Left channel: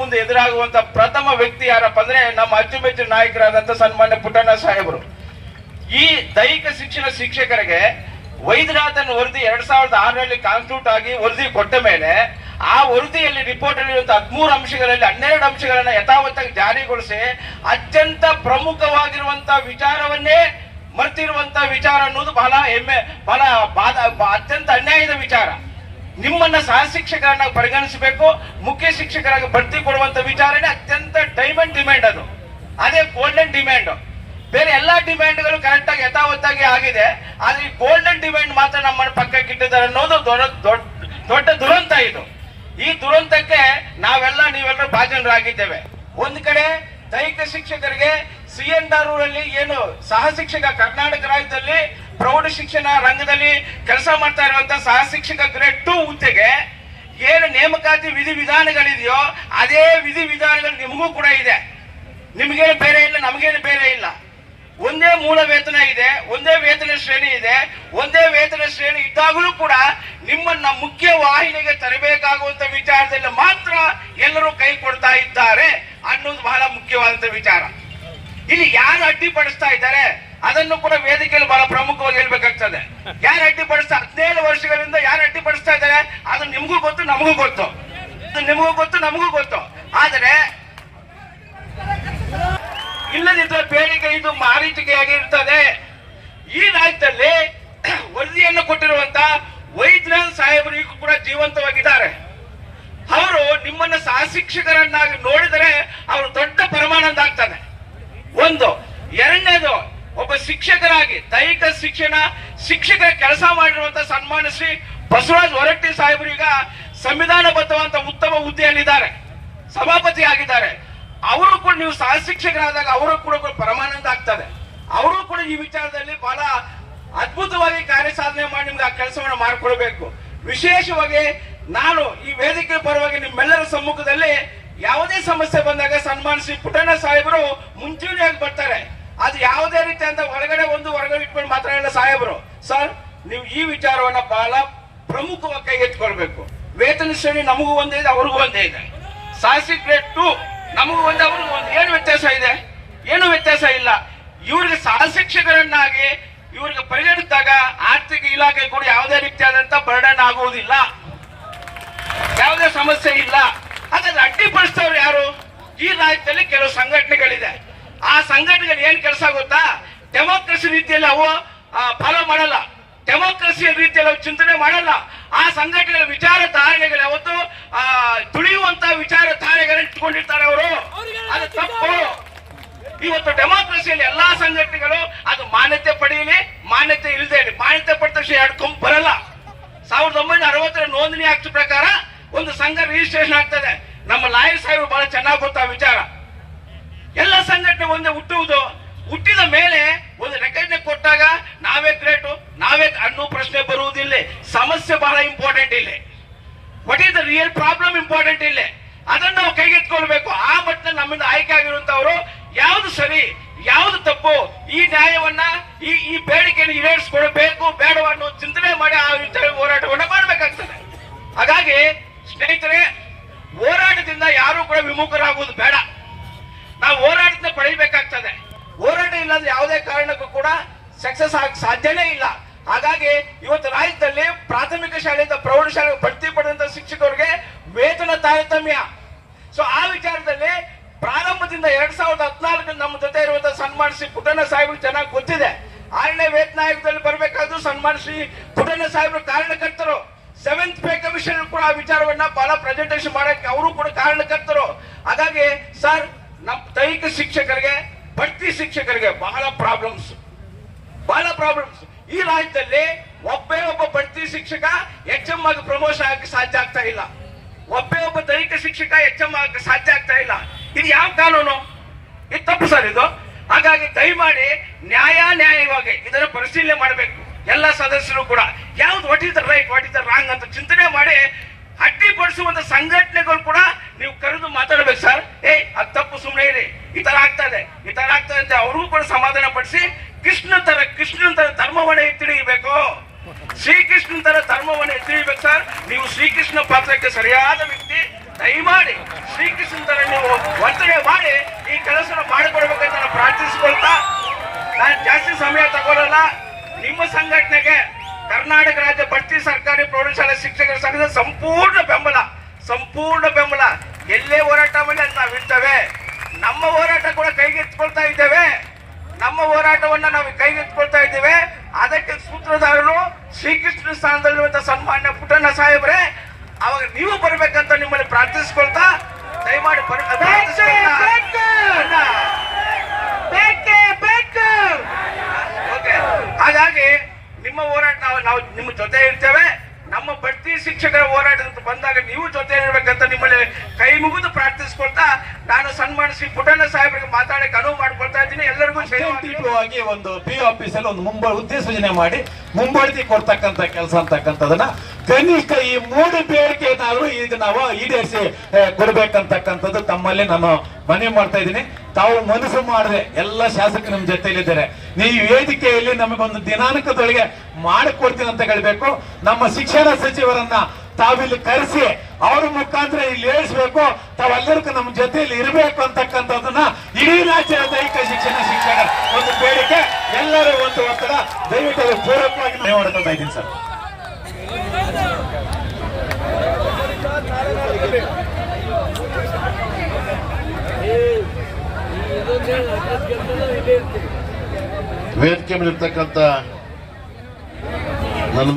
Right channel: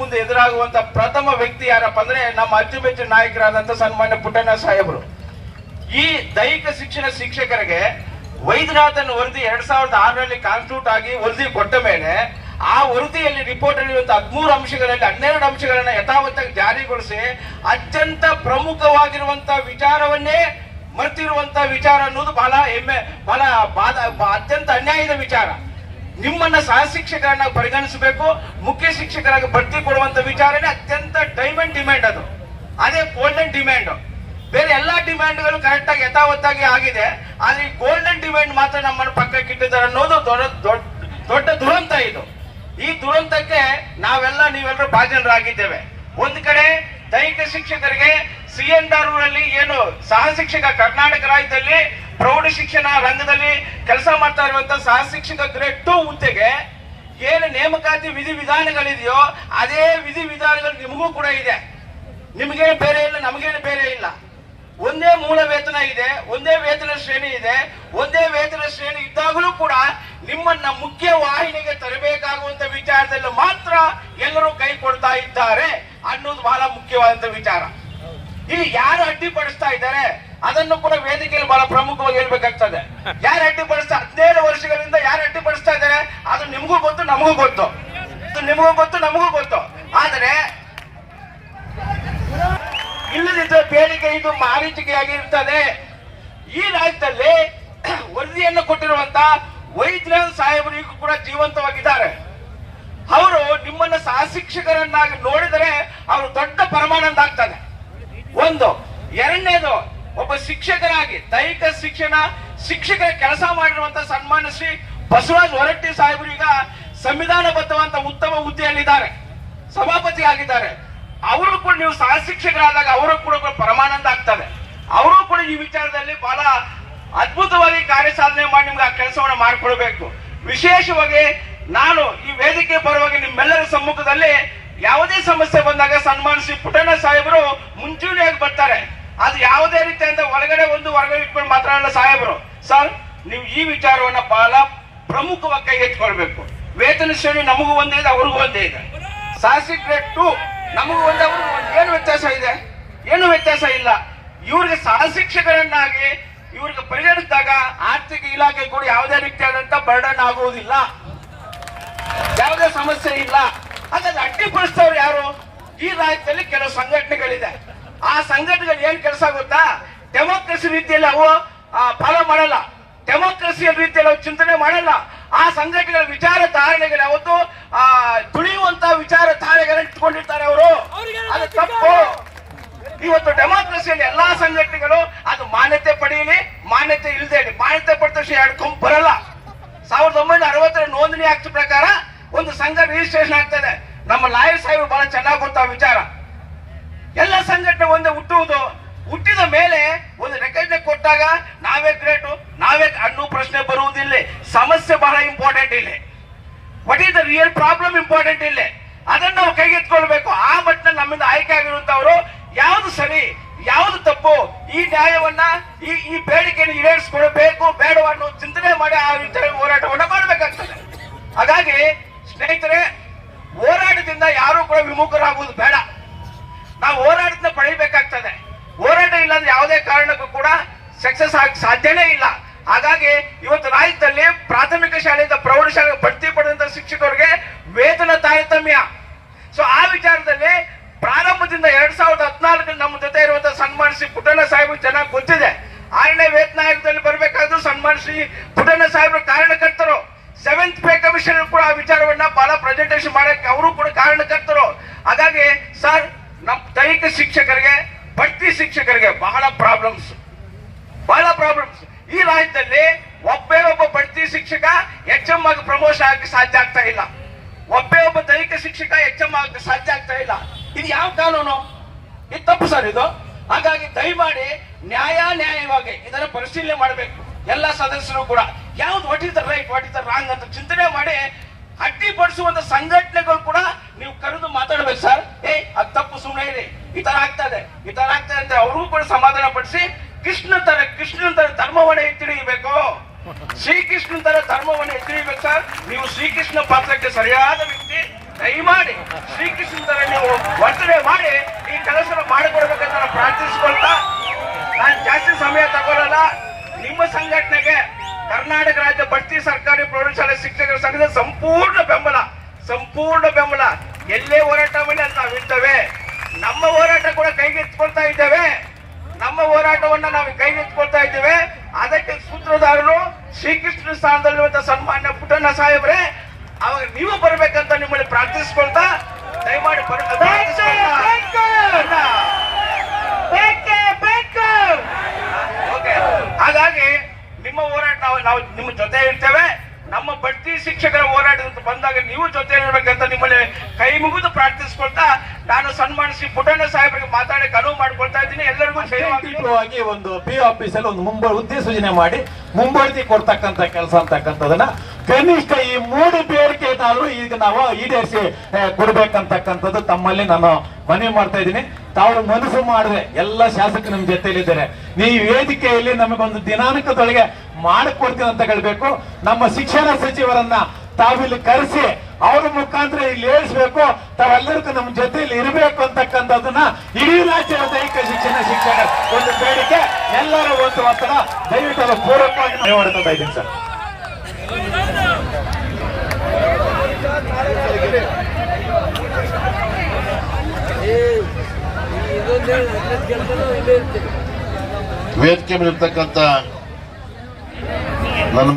ಮುಂದೆ ಎದುರಾಗುವಂತ ಪ್ರಥಮ ವ್ಯಕ್ತಿ ಯಾರಪ್ಪ ಅಂದ್ರೆ ನಮ್ಮ ಅಚ್ಚುಮೆಚ್ಚಿನ ನಾಯಕರಾದಂತ ಸನ್ಮಾನ್ಯ ಪುಟ್ಟಣ್ಣ ಸಾಹೇಬರು. ಈ ದೈಹಿಕ ಶಿಕ್ಷಣ ಶಿಕ್ಷಕರಿಗೆ ವೈದ್ಯನಾಥನ್ ವರದಿ 2006ರಲ್ಲಿ ಕಾನ್ಸ್ಟಿಟ್ಯೂಟ್ ಆಗಿ ವರದಿ ಕೊಟ್ಟ ಮೇಲೆ ಆ ವರದಿಯಲ್ಲಿ ರಿಪೋರ್ಟ್ ಇರುವಂತಹ 13 ಅಂಶಗಳಲ್ಲಿ 12 ಅಂಶಗಳನ್ನ ಯಥಾವತ್ತಾಗಿ ಜಾರಿಗೊಳಿಸಿ ಅತ್ಯಂತ ಪ್ರಮುಖವಾಗಿರುವಂತಹ ವಿಚಾರವನ್ನೇ ಮರ್ತಿರುವಂತಹ ವಿಚಾರ ಅನ್ನೋದು ಬಹಳ ಹೆಮ್ಮೆ, ಅತ್ಯಂತ ಅನ್ಯಾಯದ ವಿಚಾರ. ನಿಮ್ಮನ್ನ ಸಹ ಶಿಕ್ಷಕರನ್ನ ಪರಿಗಣಿಸಬೇಕು, ಮುಖ್ಯ ಶಿಕ್ಷಕರಾಗಿ ಭರ್ತಿ ಕೊಡುವಂತ ವಿಚಾರನೇ ಅತ್ಯಂತ ಡೈಮಂಡ್ ಡಿಮ್ಯಾಂಡ್. ಅದೇ ಗೋಲ್ಡನ್ ಡಿಮ್ಯಾಂಡ್. ಬೇರೆ ಎಲ್ಲಾ ಡಿಮ್ಯಾಂಡ್ಗಳು ಕರೆಕ್ಟ್ ಆಗಿ ಯಥಾವತ್ತಾಗಿ ಆಗಿದೆ, ಆದ್ರೆ ಈ ಗೋಲ್ಡನ್ ಡಿಮ್ಯಾಂಡ್ ಮಾತ್ರ ನಮ್ಮನ್ನು ಪಕ್ಕಕ್ಕೆ ಇಟ್ಟಿದ್ದಾರೆ ಅನ್ನೋದು ದೊಡ್ಡ ದುರಂತ. ಇದು ಈ ದುರಂತಕ್ಕೆ ನೀವೆಲ್ಲರೂ ಭಾಜನರಾಗಿದ್ದೇವೆ. ಒಂದು ಕಡೆ ದೈಹಿಕ ಶಿಕ್ಷಕರಿಗೆ ಸಿಎನ್ಆರ್ನಲ್ಲಿ ಏನು ಸಹ ಶಿಕ್ಷಕ ಕರ್ನಾಟಕ ರಾಜ್ಯದಲ್ಲಿ ಪ್ರೌಢ ಶಿಕ್ಷಣ ರಂಗದಲ್ಲಿ ಕೆಲಸ ಮಾಡ್ತಾ ಇರುವಂತಹ ಸಹ ಶಿಕ್ಷಕ ಗ್ರೇಡ್ 2 ಹುದ್ದೆಗೆ ಏನು ನೇಮಕಾತಿ ವಿಧಿವಿಧಾನಗಳಿದೆಯೋ ಅದೇ ವಿಧಿವಿಧಾನಗಳು ನಿಮಗೂ ಕೂಡ ಇದೆ. ನಿಮಗೇನು ಬೇರೆ ಇಲ್ಲ, ನಮಗೇನು ಬೇರೆ ಇಲ್ಲ. ಒಂದೇ ಮೂಲ ವೇತನ ಇದೆ, ಒಂದೇ ವೇತನ ಶ್ರೇಣಿ ಇದೆ. ಒಂದೇ ವೇತನ ಶ್ರೇಣಿ ಇದ್ದಾಗಲೂ ಕೂಡ ನಿಮ್ಮನ್ನ ಮುಖ್ಯ ವಾಹಿನಿಗೆ ತರಬೇಕಾಗುವಂತ ವಿಚಾರದಲ್ಲಿ ಮಾತ್ರ ಎಲ್ಲರೂ ಕೈ ಕೊಡ್ತಾ ಇದ್ದಾರೆ ಅನ್ನೋದು ಬಹಳ ಮುಖ್ಯವಾದಂತ ವಿಚಾರ. ಇಲ್ಲಿ ಯಾರು ಅಡ್ಡಿಪಡಿಸ್ತಾ ಇದ್ದಾರೆ ಅದನ್ನು ಕೂಡ ವೇದಿಕೆಯಲ್ಲಿ ಬಹಳ ಪ್ರಮುಖವಾಗಿ ಹೇಳ್ಬೇಕಾಗ್ತದೆ. ಯಾರು ಅಡ್ಡಿಪಡಿಸ್ತಾ 17 ವರ್ಷಗಳಿಂದ ಯಾರು ಅಡ್ಡಿಪಡಿಸ್ತಾ ಇದ್ದಾರೆ ಅದು ನಿಮಗೂ ಗೊತ್ತು, ನಮಗೂ ಗೊತ್ತು. ನಿಮಗೂ ಗೊತ್ತು, ನಮಗೂ ಗೊತ್ತು. ಆದರೆ ಇಲ್ಲದಿದ್ದರೆ ಬೇಡಿಕೆ ಇದು ಮಾರೀಚಿಕೆಯಾಗಿರುತ್ತದೆ. ಈ ರಾಜ್ಯದಲ್ಲಿ ವರದಿಯನ್ನು ಕೊಟ್ಟಿರುವಂತ ವೈದ್ಯನಾಥ್ ಸಾಹೇಬರು ಈಗ ಕೂಡ ಜೀವಂತವಾಗಿದ್ದಾರೆ. ಅವರು ನಿಮ್ಮನ್ನ ಸಹ ಶಿಕ್ಷಕರನ್ನಾಗಿ ನೋಡಿದರೆ ಅವರು ದೊಡ್ಡ ಪರಮಾನಂದ. ಒಂದು. ಎರಡನೇದು, ಒಬ್ಬ ಶಿಕ್ಷಕರಾಗಿ ದೈಹಿಕ ಶಿಕ್ಷಕರ ಕೆಲಸ ಮಾಡಿರುವಂತಹ ಸನ್ಮಾನ್ಯ ಶ್ರೀ ಬಸವರಾಜ್ ಹೊರಟ್ಟಿ ಸಾಹೇಬರು ಈಗ ಸಂವಿಧಾನಬದ್ಧವಂತ ಉತ್ತಮ ಹುದ್ದೆಯಲ್ಲಿದ್ದಾರೆ, ಸಭಾಪತಿ ಆಗಿದ್ದಾರೆ. ಅವರು ಕೂಡ ನೀವು ಸಹ ಶಿಕ್ಷಕರಾದಾಗ ಅವರು ಕೂಡ ಪರಮಾನಂದ ಆಗ್ತದೆ. ಅವರು ಕೂಡ ಈ ವಿಚಾರದಲ್ಲಿ ಬಹಳ ಅದ್ಭುತವಾಗಿ ಕಾರ್ಯ ಸಾಧನೆ ಮಾಡಿ ನಿಮ್ಗೆ ಆ ಕೆಲಸವನ್ನು ಮಾಡಿಕೊಡ್ಬೇಕು. ವಿಶೇಷವಾಗಿ ನಾನು ಈ ವೇದಿಕೆ ಪರವಾಗಿ ನಿಮ್ಮೆಲ್ಲರ ಸಮ್ಮುಖದಲ್ಲಿ ಯಾವುದೇ ಸಮಸ್ಯೆ ಬಂದಾಗ ಸನ್ಮಾನ ಶ್ರೀ ಪುಟ್ಟಣ್ಣ ಸಾಹೇಬರು ಮುಂಚೂಣಿಯಾಗಿ ಬರ್ತಾರೆ. ಅದು ಯಾವುದೇ ರೀತಿ ಅಂತ ಹೊರಗಡೆ ಹೊರಗಡೆ ಇಟ್ಕೊಂಡು ಮಾತಾಡಲ್ಲ ಸಾಹೇಬರು. ಸರ್, ನೀವು ಈ ವಿಚಾರವನ್ನ ಬಹಳ ಪ್ರಮುಖವಾಗಿ ಕೈಗೆತ್ತಿಕೊಳ್ಬೇಕು. ವೇತನ ಶ್ರೇಣಿ ನಮಗೂ ಒಂದೇ ಇದೆ, ಅವ್ರಿಗೂ ಒಂದೇ ಇದೆ. ಸಾಹಸಿ ಗ್ರೇಡ್ 2 ನಮಗೂ ಒಂದೇ, ಅವ್ರಿಗೂ ಒಂದು. ಏನು ವ್ಯತ್ಯಾಸ ಇದೆ? ಏನು ವ್ಯತ್ಯಾಸ ಇಲ್ಲ. ಇವ್ರಿಗೆ ಸಹ ಶಿಕ್ಷಕರನ್ನಾಗಿ ಇವ್ರಿಗೆ ಪರಿಗಣಿಸಿದಾಗ ಆರ್ಥಿಕ ಇಲಾಖೆ ಕೂಡ ಯಾವುದೇ ರೀತಿಯಾದಂತ ಬರ್ಡನ್ ಆಗುವುದಿಲ್ಲ, ಯಾವುದೇ ಸಮಸ್ಯೆ ಇಲ್ಲ. ಹಾಗಾದ್ರೆ ಅಡ್ಡಿಪಡಿಸ್ತವ್ರು ಯಾರು? ಈ ರಾಜ್ಯದಲ್ಲಿ ಕೆಲವು ಸಂಘಟನೆಗಳಿದೆ. ಆ ಸಂಘಟನೆಗಳು ಏನ್ ಕೆಲಸ ಗೊತ್ತಾ? ಡೆಮೋಕ್ರಸಿ ರೀತಿಯಲ್ಲಿ ಅವು ಫಾಲೋ ಮಾಡಲ್ಲ, ಡೆಮೋಕ್ರಸಿಯ ರೀತಿಯಲ್ಲಿ ಅವು ಚಿಂತನೆ ಮಾಡಲ್ಲ. ಆ ಸಂಘಟನೆಗಳ ವಿಚಾರಧಾರಣೆಗಳು ಯಾವತ್ತು ತುಳಿಯುವಂತ ವಿಚಾರಧಾರೆಗಳನ್ನ ಇಟ್ಕೊಂಡಿರ್ತಾರೆ ಅವರು. ಅದು ತಪ್ಪು. ಇವತ್ತು ಡೆಮೋಕ್ರಸಿಯಲ್ಲಿ ಎಲ್ಲಾ ಸಂಘಟನೆಗಳು ಅದು ಮಾನ್ಯತೆ ಪಡೆಯಲಿ, ಮಾನ್ಯತೆ ಇಲ್ಲದೆ ಇರಲಿ. ಮಾನ್ಯತೆ ಪಡೆದ ತಕ್ಷಣ 2 ಕೊಂಬು ಬರಲ್ಲ. 1960 ನೋಂದಣಿ ಆಕ್ಟ್ ಪ್ರಕಾರ ಒಂದು ಸಂಘ ರಿಜಿಸ್ಟ್ರೇಷನ್ ಆಗ್ತದೆ. ನಮ್ಮ ಲಾಯರ್ ಸಾಹೇಬರು ಬಹಳ ಚೆನ್ನಾಗಿ ಗೊತ್ತಾ ವಿಚಾರ. ಎಲ್ಲ ಸಂಘಟನೆ ಒಂದೇ ಹುಟ್ಟಿದ ಮೇಲೆ ಒಂದು ರೆಕಾರ್ಡ್ ಕೊಟ್ಟಾಗ ನಾವೇ ಗ್ರೇಟು, ನಾವೇ ಅನ್ನೋ ಪ್ರಶ್ನೆ ಬರುವುದಿಲ್ಲ. ಸಮಸ್ಯೆ ಬಹಳ ಇಂಪಾರ್ಟೆಂಟ್ ಇಲ್ಲಿ. What is the real problem important ಇಲ್ಲಿ. ಅದನ್ನು ನಾವು ಕೈಗೆತ್ಕೊಳ್ಬೇಕು. ಆ ಮಟ್ಟಿನಲ್ಲಿ ನಮ್ಮಿಂದ ಆಯ್ಕೆ ಆಗಿರುವಂತವರು ಯಾವುದು ಸರಿ, ಯಾವುದು ತಪ್ಪು, ಈ ನ್ಯಾಯವನ್ನ ಈ ಬೇಡಿಕೆಯನ್ನು ಈಡೇರಿಸಿಕೊಳ್ಬೇಕು ಬೇಡವ ಅನ್ನೋ ಚಿಂತನೆ ಮಾಡಿ ಆ ಹೋರಾಟವನ್ನ ಮಾಡಬೇಕಾಗ್ತದೆ. ಹಾಗಾಗಿ ಸ್ನೇಹಿತರೆ, ಹೋರಾಟದಿಂದ ಯಾರು ಕೂಡ ವಿಮುಖರಾಗುವುದು ಬೇಡ. ನಾವು ಹೋರಾಟದಿಂದ ಪಡೆಯಬೇಕಾಗ್ತದೆ. ಹೋರಾಟ ಇಲ್ಲಂದ್ರೆ ಯಾವುದೇ ಕಾರಣಕ್ಕೂ ಕೂಡ ಸಕ್ಸಸ್ ಆಗ ಸಾಧ್ಯನೇ ಇಲ್ಲ. ಹಾಗಾಗಿ ಇವತ್ತು ರಾಜ್ಯದಲ್ಲಿ ಪ್ರಾಥಮಿಕ ಶಾಲೆಯಿಂದ ಪ್ರೌಢಶಾಲೆ ಬಡ್ತಿ ಪಡೆದಂತ ಶಿಕ್ಷಕರಿಗೆ ವೇತನ ತಾರತಮ್ಯ. ಸೊ ಆ ವಿಚಾರದಲ್ಲಿ ಪ್ರಾರಂಭದಿಂದ 2014 ನಮ್ಮ ಜೊತೆ ಇರುವಂತಹ ಸನ್ಮಾನ ಶ್ರೀ ಪುಟ್ಟಣ್ಣ ಸಾಹೇಬ್ ಚೆನ್ನಾಗಿ ಗೊತ್ತಿದೆ. 6ನೇ ವೇತನ ಆಯೋಗದಲ್ಲಿ ಬರಬೇಕಾದ್ರೂ ಸನ್ಮಾನ ಶ್ರೀ ಪುಟ್ಟಣ್ಣ ಸಾಹೇಬರು ಕಾರಣಕರ್ತರು. 7th ಪೇ ಕಮಿಷನ್ ಕೂಡ ಆ ವಿಚಾರವನ್ನ ಬಹಳ ಪ್ರೆಸೆಂಟೇಷನ್ ಮಾಡಕ್ಕೆ ಅವರು ಕೂಡ ಕಾರಣಕರ್ತರು. ಹಾಗಾಗಿ ಸರ್, ನಮ್ಮ ದೈಹಿಕ ಶಿಕ್ಷಕರಿಗೆ, ಬಡ್ತಿ ಶಿಕ್ಷಕರಿಗೆ ಬಹಳ ಪ್ರಾಬ್ಲಮ್ಸ್. ಈ ರಾಜ್ಯದಲ್ಲಿ ಒಬ್ಬ ಬಡ್ತಿ ಶಿಕ್ಷಕ HM ಆಗಿ ಪ್ರಮೋಷನ್ ಆಗಕ್ಕೆ ಸಾಧ್ಯ ಆಗ್ತಾ ಇಲ್ಲ. ಒಬ್ಬ ದೈಹಿಕ ಶಿಕ್ಷಕ HM ಆಗಕ್ಕೆ ಸಾಧ್ಯ ಆಗ್ತಾ ಇಲ್ಲ. ಇದು ಯಾವ ಕಾನೂನು? ಇದು ತಪ್ಪು ಸರ್ ಇದು. ಹಾಗಾಗಿ ದಯಮಾಡಿ ನ್ಯಾಯವಾಗಿ ಇದನ್ನ ಪರಿಶೀಲನೆ ಮಾಡಬೇಕು. ಎಲ್ಲ ಸದಸ್ಯರು ಕೂಡ ಯಾವ್ದು what is the right, what is the wrong ಅಂತ ಚಿಂತನೆ ಮಾಡಿ ಅಡ್ಡಿಪಡಿಸುವಂತ ಸಂಘಟನೆಗಳು ಕೂಡ ನೀವು ಕರೆದು ಮಾತಾಡ್ಬೇಕು. ಸರ್, ಅದು ತಪ್ಪು, ಸುಮ್ಮನೆ ಇರಿ, ಈ ತರ ಆಗ್ತದೆ ಅಂತ ಅವ್ರಿಗೂ ಕೂಡ ಸಮಾಧಾನ ಪಡಿಸಿ ಕೃಷ್ಣನ ತರ ಧರ್ಮವನ್ನ ಎತ್ತಿಡಿಬೇಕು. ಶ್ರೀಕೃಷ್ಣನ ತರ ಧರ್ಮವನ್ನು ಎತ್ತಿಡಿಬೇಕು. ಸರ್, ನೀವು ಶ್ರೀಕೃಷ್ಣ ಪಾತ್ರಕ್ಕೆ ಸರಿಯಾದ ವ್ಯಕ್ತಿ. ದಯಮಾಡಿ ಶ್ರೀಕೃಷ್ಣನ ಸಂಪೂರ್ಣ ಬೆಂಬಲ. ಎಲ್ಲೇ ಹೋರಾಟ ಮಾಡಿ ಅಲ್ಲಿ ನಾವಿರ್ತೇವೆ. ನಮ್ಮ ಹೋರಾಟ ಕೂಡ ಕೈಗೆತ್ತಿಕೊಳ್ತಾ ಇದ್ದೇವೆ. ನಮ್ಮ ಹೋರಾಟವನ್ನು ನಾವು ಕೈಗೆತ್ತಿಕೊಳ್ತಾ ಇದ್ದೇವೆ. ಅದಕ್ಕೆ ಸೂತ್ರಧಾರನು ಶ್ರೀಕೃಷ್ಣ ಸ್ಥಾನದಲ್ಲಿರುವಂತಹ ಸನ್ಮಾನ್ಯ ಪುಟ್ಟಣ್ಣ ಸಾಹೇಬ್ರೆ, ಅವಾಗ ನೀವು ಬರ್ಬೇಕಂತ ನಿಮ್ಮಲ್ಲಿ ಪ್ರಾರ್ಥಿಸ್ಕೊಳ್ತಾ ದಯಮಾಡಿ ಹಾಗಾಗಿ ನಿಮ್ಮ ಹೋರಾಟ ನಾವು ನಿಮ್ಮ ಜೊತೆ ಇರ್ತೇವೆ. ನಮ್ಮ ಬಡ್ತಿ ಶಿಕ್ಷಕರ ಹೋರಾಟ ಬಂದಾಗ ನೀವು ಜೊತೆ ಇರಬೇಕಂತ ನಿಮ್ಮಲ್ಲಿ ಕೈ ಮುಗಿದು ಪ್ರಾರ್ಥಿಸ್ಕೊಳ್ತಾ ನಾನು ಸನ್ಮಾನ ಶ್ರೀ ಪುಟ್ಟಣ್ಣ ಸಾಹೇಬರಿಗೆ ಮಾತಾಡಕ್ಕೆ ಅನುವು ಮಾಡ್ಕೊಳ್ತಾ ಇದ್ದೀನಿ. ಎಲ್ಲರಿಗೂ ಆಗಿ ಒಂದು ಪಿ ಆಫೀಸಲ್ಲಿ ಒಂದು ಉದ್ದೇಶನೆ ಮಾಡಿ ಮುಂಬಡ್ತಿ ಕೊಡ್ತಕ್ಕಂತ ಕೆಲಸ ಅಂತಕ್ಕಂಥದನ್ನ ಕನಿಷ್ಠ ಈ 3 ಬೇಡಿಕೆ ಏನಾದ್ರು ಈಗ ನಾವು ಈಡೇರಿಸಿ ಕೊಡ್ಬೇಕಂತಕ್ಕಂಥದ್ದು ತಮ್ಮಲ್ಲಿ ನಾನು ಮನವಿ ಮಾಡ್ತಾ ಇದ್ದೀನಿ. ತಾವು ಮನಸ್ಸು ಮಾಡಿದ್ರೆ ಎಲ್ಲ ಶಾಸಕರು ನಿಮ್ ಜೊತೆಯಲ್ಲಿದ್ದಾರೆ. ನೀವು ವೇದಿಕೆಯಲ್ಲಿ ನಮಗೊಂದು ದಿನಾಂಕದೊಳಗೆ ಮಾಡಿಕೊಡ್ತೀನಿ ಅಂತ ಹೇಳ್ಬೇಕು. ನಮ್ಮ ಶಿಕ್ಷಣ ಸಚಿವರನ್ನ ತಾವಿಲ್ಲಿ ಕರೆಸಿ ಅವ್ರ ಮುಖಾಂತರ ಇಲ್ಲಿ ಹೇಳಿಸ್ಬೇಕು. ತಾವೆಲ್ಲರಿಗೂ ನಮ್ಮ ಜೊತೆಯಲ್ಲಿ ಇರಬೇಕು ಅಂತಕ್ಕಂಥದ್ದನ್ನ ಇಡೀ ರಾಜ್ಯದ ದೈಹಿಕ ಶಿಕ್ಷಣ ಒಂದು ಬೇಡಿಕೆ. ಎಲ್ಲರೂ ಒಂದು ಒತ್ತಡ ದಯವಿಟ್ಟು ಅದು ಪೂರಕವಾಗಿ ಮನವಿ ಮಾಡ್ತಾ ಇದ್ದೀನಿ ಸರ್. ವೇದಿಕೆ ಮೇಲೆ ಇರ್ತಕ್ಕಂಥ